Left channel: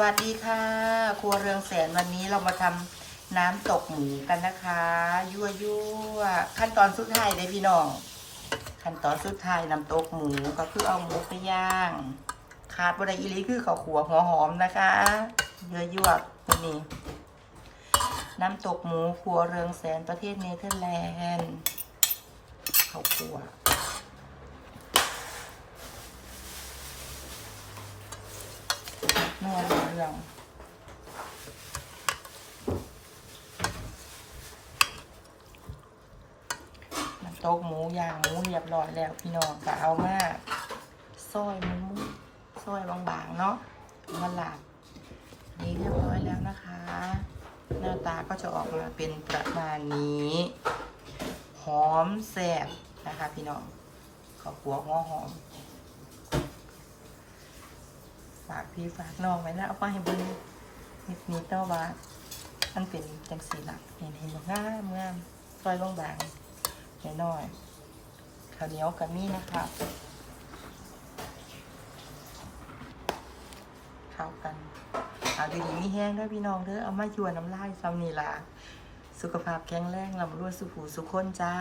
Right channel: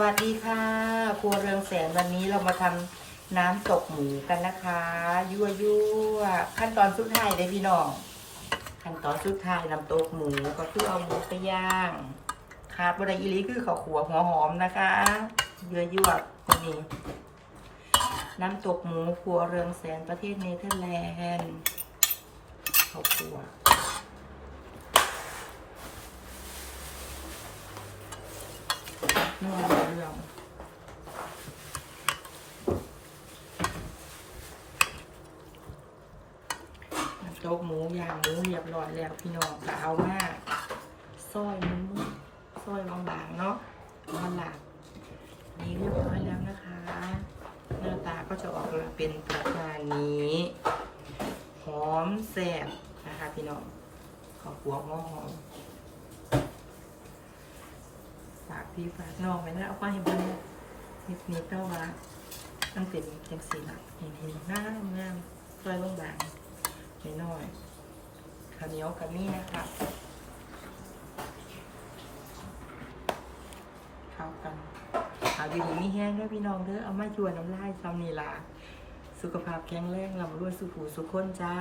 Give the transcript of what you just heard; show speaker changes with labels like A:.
A: วัสดีค่ะ ครัวเรืองแสนวันนี้เรามาทำน้ำตกหมูกันนะคะ ยั่วยั่วขั้นตอนสุดท้ายเลยพี่น้อง ขั้นตอนสุดท้ายน้ำตกหมูก็คือเอาหมูไปย่างขาดบดอีหลีคือข้าวขัวหัวหอมนะคะยั่วยั่วๆวันนี้น้ำตกหมูครัวเรืองแสนประเทศเนเธอร์แลนด์ข้าวขัวนอน อง น้ำตกหมูย่างหมูเรียบร้อยแล้วพี่น้องก็เอามาซอยหมูซอยบางๆเนาะมาหลาบนี่เรียบร้อยแล้วนะคะ หน้าตาก็จะออกมาเป็นประมาณนี้หอมแซ่บนะคะพี่น้องขอบหัวหัวหอม ฝาก พี่ฝากน้องไว้นะเอาไปให้เบิ่งนิดนิดเนาะว่ามันเป็นจังสีหละเห็นเห็นงามงามซอยบางๆน้อยๆข้าวเหนียวกับนี่นะคะเข้ากันเอาดีๆมีแห้งด้วยพี่น้องเด้อเอามาชวนน้ำลายซ้ำนี่ล่ะสุขภาพแข็งแรงลำรวยสุขหูสุขคนจ้า